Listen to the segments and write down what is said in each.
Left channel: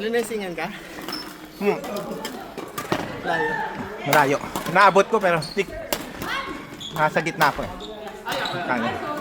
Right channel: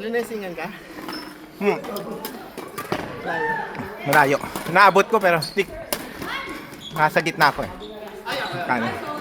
Linasingan ka? Hmm. Layo. Malayo. Naabot ko pero stick. Nasa gitna ko. Kanan.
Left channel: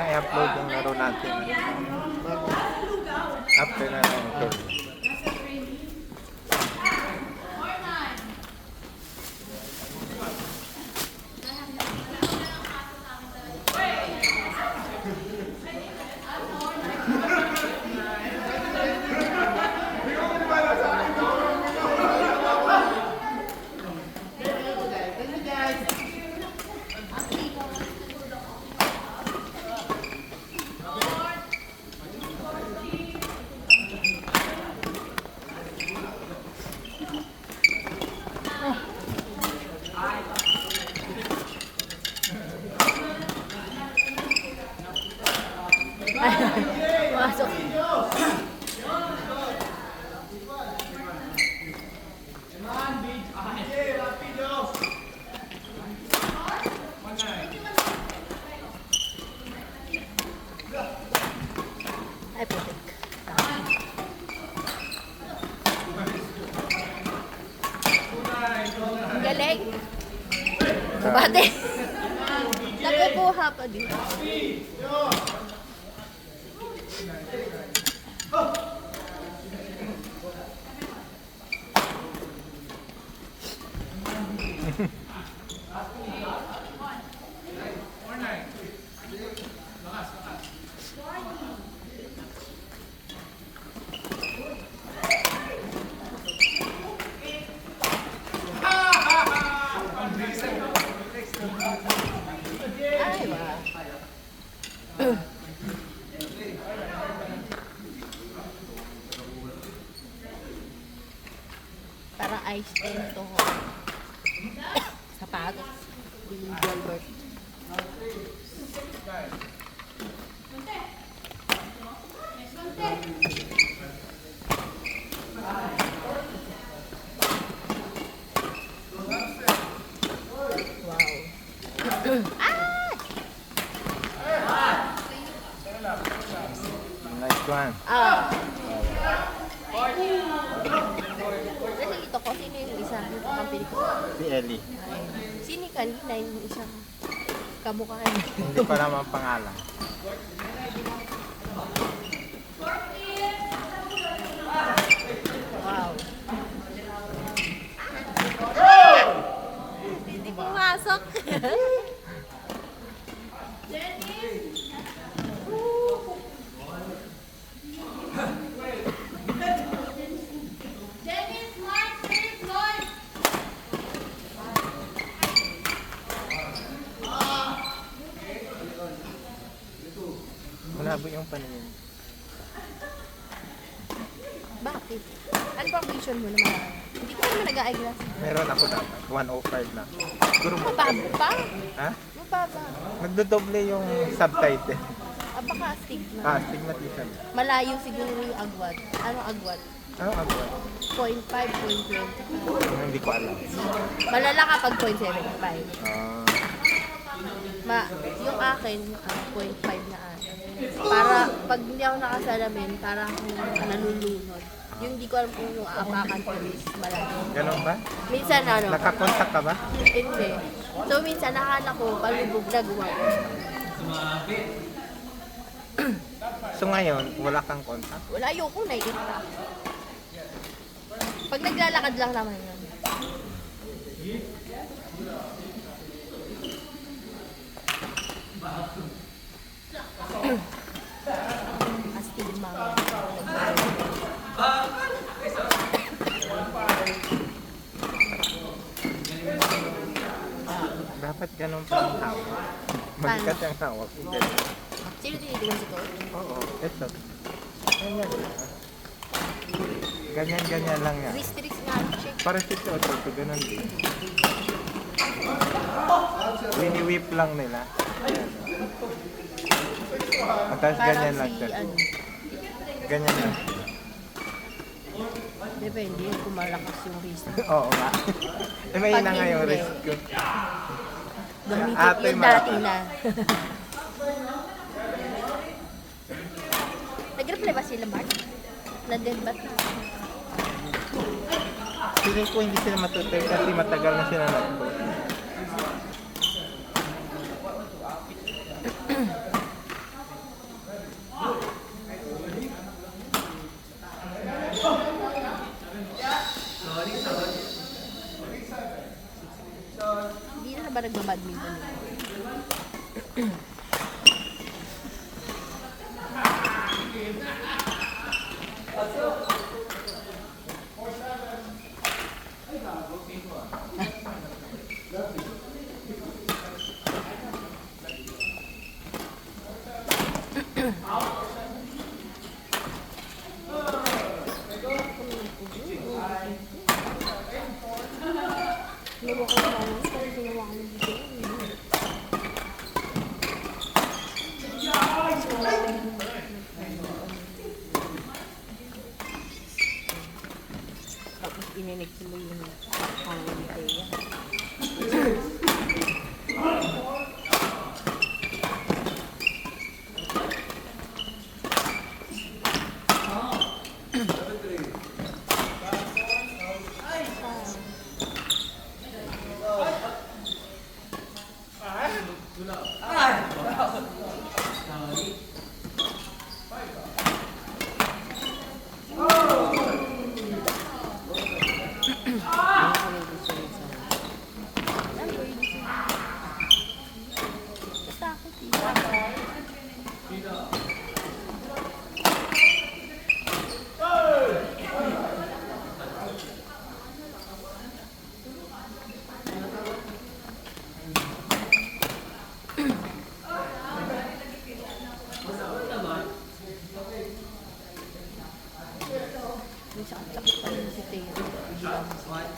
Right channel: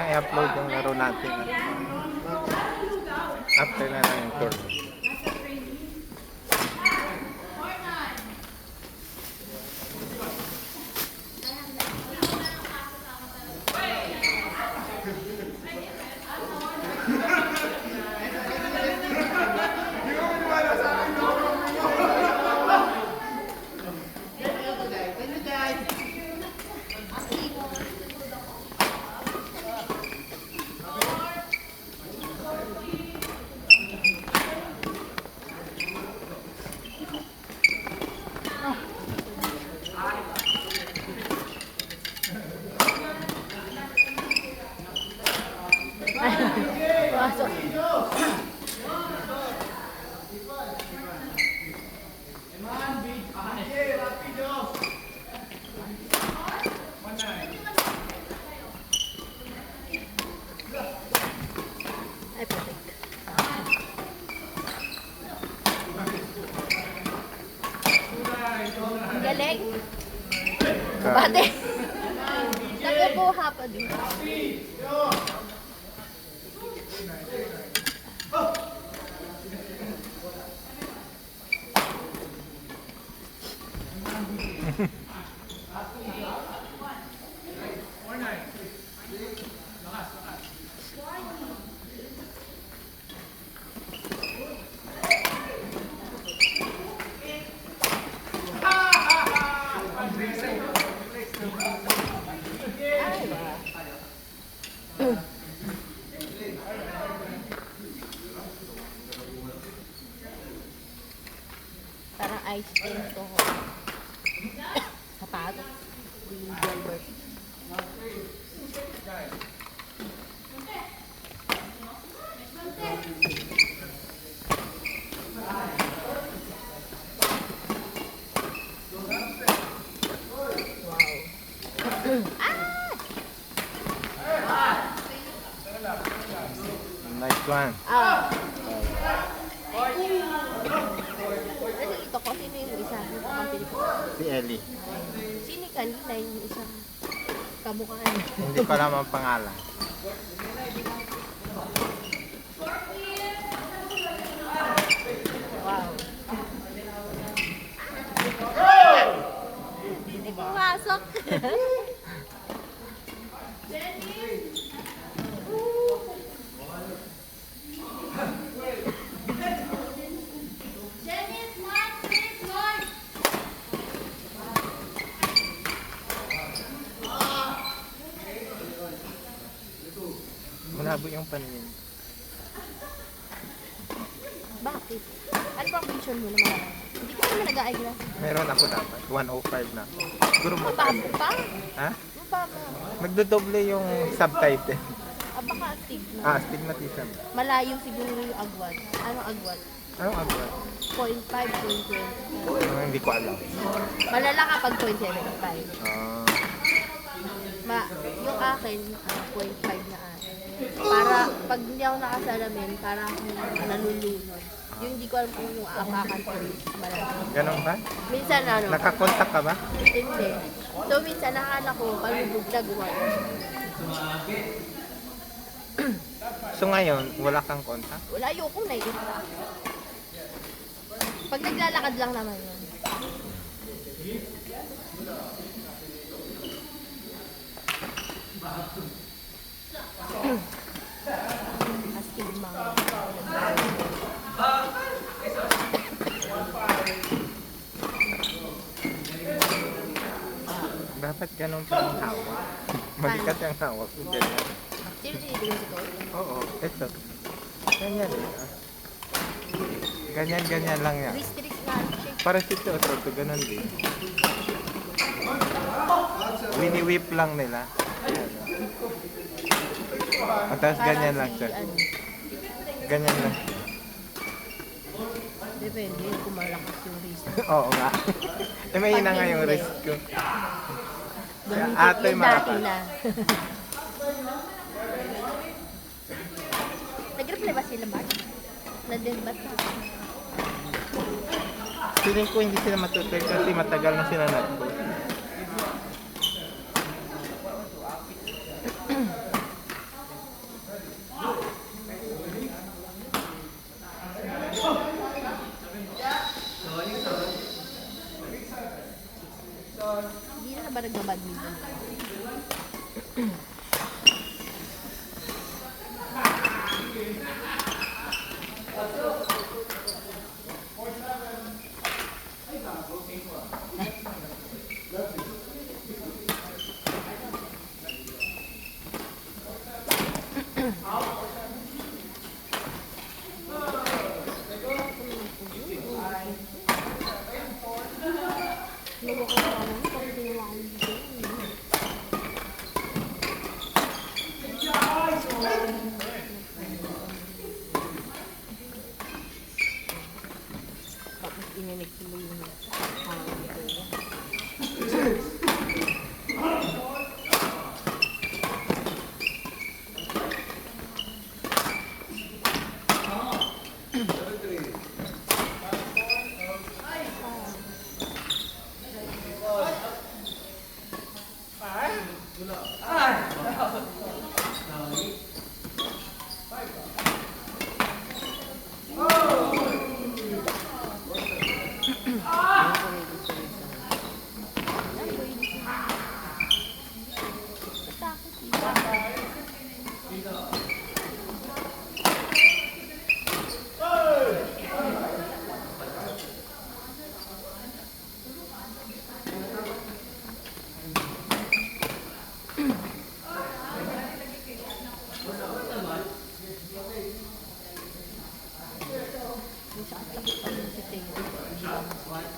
na i-upload yung laro natin. Upload na yung call. Pasok. Ay, pwede. Ang galing. Kabate. Nagkabuha pa din. Parang ice cream to. Sapatos. Yung Gilbert. Nice one. Ah. Kasi ito ko, sino yung isa? Yung kakampili ko. Si Ellie. Sino yung kanina yung isang kamukha niya? Hindi ko alam ang pangalan. Wow. Hindi pumasok. Malabo yung paningin. Bakit? Ano bang vision mo naman? Hindi ko naman nag-a-eyeglass. Meron ako na. 105 na. Siguro mo. Mababa pa? Ha? Mababa. Nagdodoble yung subtitle. Ah, baka stigma. Stigmatization. Malayo siguro yung agwat. Anong agwat? Ano ang 0.5, 0.20. Hindi ko alam. Malala kapag 0.75. Yung akin, 0.5 na para pag hindi ako nakasalamin, para akong nalulunod. Yung hindi ko alam kung yung apakan ko is malaki. Ganun ba? Minsan ano, Nakakontak ka ba? hindi. So minsan nakala ko, palubog na gumano. So ngayon, wala kang kontak? Wala, ayoko na eh. Pag naglalakad lang naman yun. Astigma. Dapat ganun pa ang hawak. Magikat yung hawak. Hindi. Sino tinitignan si Cory? Oo. Ito. Ganyan. Ganyan lang yan. Mysteries nga siya. Para si ito, ganun din. Wini-whip lang nila. At tapos ganyan lang siya. Ano, Ganyan lang. depende kung malakas yung risk. Oo nga. Mahina nga yung hindi. risk ko. Gamitin Ate, yung dati na. Nag-reply ba sila, Mark? Nag-debat na. Feeling ko hindi sila matutuloy kasi matagal na sila nag-post. Luwa ko sa ano, kasi ginawa ko dito. Tapos ininig sila yung hangin ko yan. Takot eh. Yung sa takot pa rin sa table.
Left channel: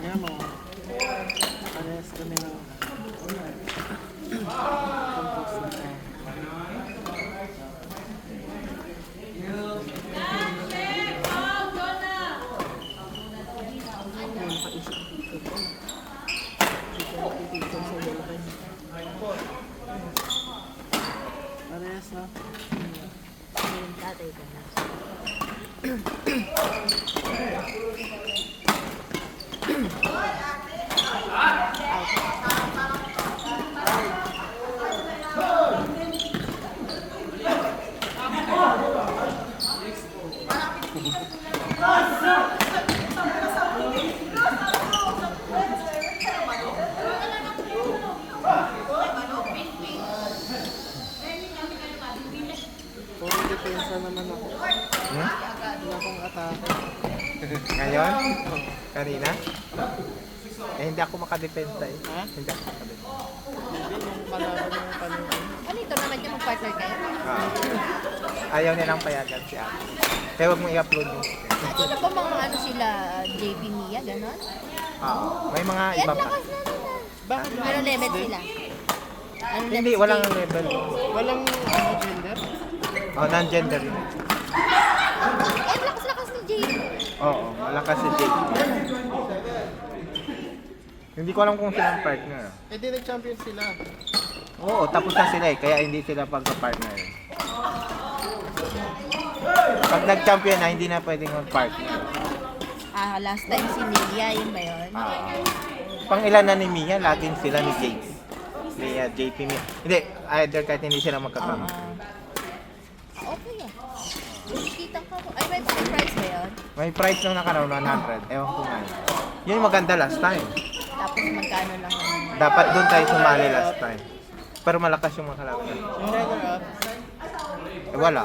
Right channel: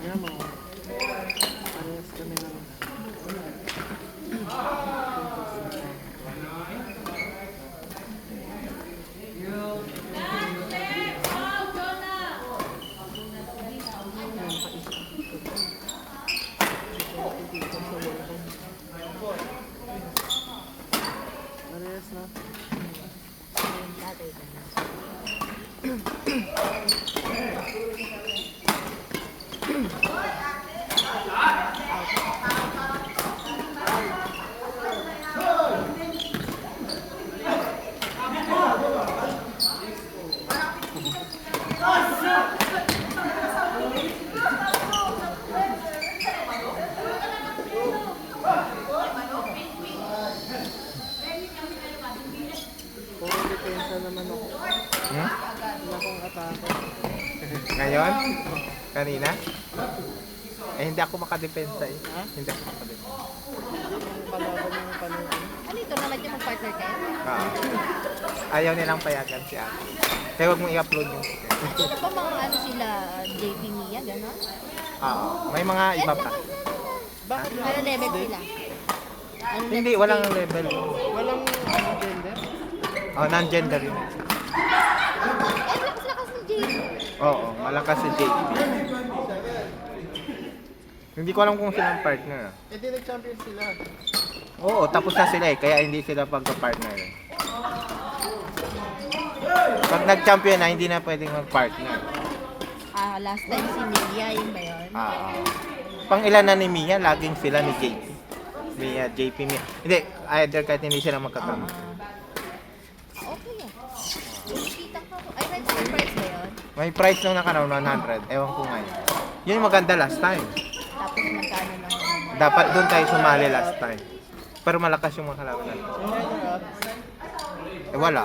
Ayan mo. Parehas kami na. Parehas no? Yung tatay ko na. Puro depensa naman ako. Hmm? Wala akong atake. Ngayon? Kanina? Eh, hindi ako makadepensa eh. Ha? Hindi ako makadepensa. Hindi, nung kalaban ng kanina. Ano ito naman yung mag-partner kayo? Ayaw nilang payagan si ate. Kaya huwag mong i-upload mo. Wala pa mga ano sila, JP Mia, gano'n? May mga iba pa. Bakit? Pero level sila. Ano Hindi, level walang sila? level. Walang gender? Oh, non-gender yun. Ay, lakas-lakas ni JP. Oo, malakas si Jake. Hindi ko alam kung silang partner. Eh di nag-champion sila. Oo, tapos na sila eh, kaya hindi sila pagka-partner. Pag nag-champion na, hindi na pwedeng mag-partner. Last time si Mia, yun ba yun? Pang ilan na ni Mia, laging sila ni JP. Mia, JP, Mia. Hindi, either kahit hindi sila magkapamilya. Okay ah. Kita ko. Ay, may price ba yun? May price lang nakaraw 100. Ewan ko nga. Yun yung maganda last time. Tapos magkano lang yun? Dapat doon tayo sumali last time. Pero malakas yung mga kalaban. Yung runner up, Eh, wala.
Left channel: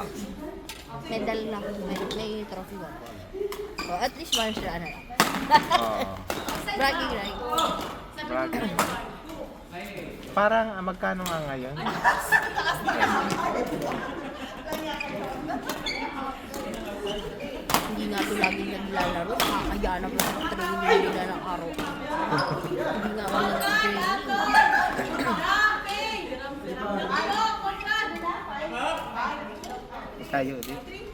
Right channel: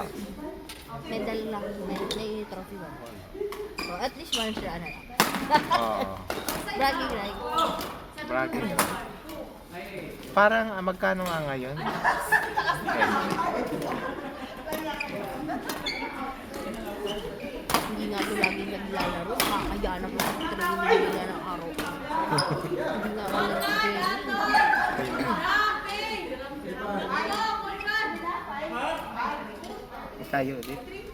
Medal lang. May trophy ba? Oh, at least one siya na lang. Oo. Bragging right. Bragging. Parang magkano nga ngayon? hindi natin lagi naglalaro, nakakaya na po sa training nila ng araw. Hindi nga kami nag-training. Tayo ulit.